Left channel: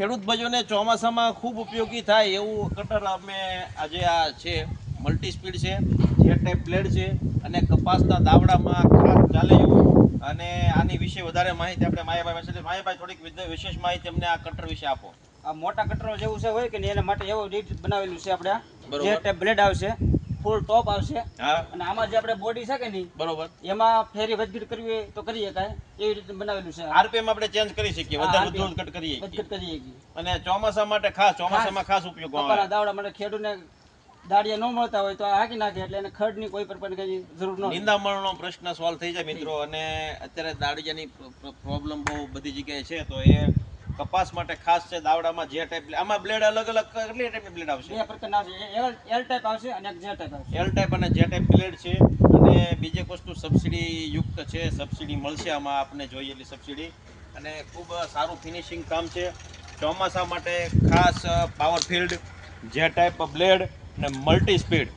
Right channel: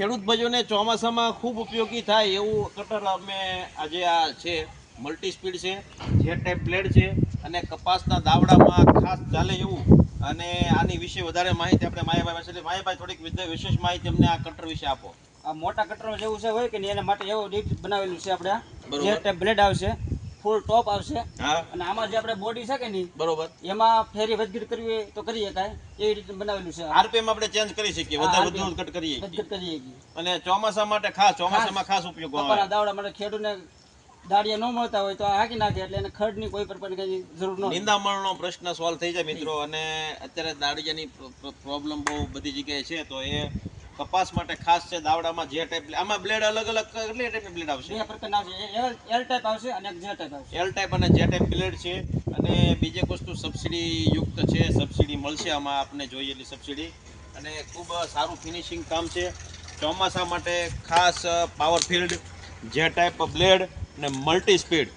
ખેડૂત ભાઈઓને ચોમાસામાં ખૂબ ઉપયોગી થાય એવું કટર અમે આજે આ છે મલ્ટી સ્પીડ છે, જે ટાઈપ બ્લેડ છે અને કપાસના દાવડામાં ખાસ ચાલે એવું. અને આની વિશે વધારે માહિતી આપણે માયાભાઈ પાસે. માયાભાઈ થોડીક વિશેષ માહિતી અમને આ કટર વિશે આપો. આ મોટા કટરો જેવું છે હોય કે નહીં એના માટે એવું રીત બનાવેલું છે આપણે. બરોબર. જે ટાઈપ બ્લેડ આવશે, ફૂલ ટોપ આવશે, હા અને આમાં જે આપણે બોડી છે કે નહીં બરોબર, એમાં ફેરી વધઘટ કરવી હોય તો કરી શકાય એવી રીતે બનાવેલું છે. આરપીએમ આપણે ચેન્જ કરી શકીએ, વધારે વધુ ઘટ કરીએ વધઘટ કરી શકીએ. અને ચોમાસા માટે ખાસ, ચોમાસામાં ખાસ ઉપયોગ કપાના દાવડા માટે ખેડૂતને દાડિયા ન મળતા હોય તો આ હાકી નાખે એટલે એને ખડની કોઈ પ્રકારની કઈ જરૂર ન હોય. નિંદામણનો પ્રશ્ન સોલ્વ થઈ જાય મિત્રો. અને અત્યારે દાડિયાની પ્રોબ્લેમ બહુ બધી જગ્યાએ છે, તો એ કપાસ માટે ખાસ છે. દાવડામાં જે ટાઈપ, આમાં બ્લેડ અલગ અલગ કેટલી ટાઈપની બ્લેડ આવશે? બે પ્રકારના આવશે, એલ ટાઈપ આવશે અને એક જે ટાઈપ આવશે. એલ ટાઈપ અને જે ટાઈપ બ્લેડ છે. અને બીજી એક વસ્તુ સબસિડી યુક્ત છે, સબસિડી મળશે આમાં આપણને જોઈએ એટલી સબસિડી. અને ખૂબ સારું ફિનિશિંગ કામ છે. ચોમાસા માટે ખાસ પાવર ફિલ્ડ જે ટાઈપ બ્લેડ ને મલ્ટી સ્પીડ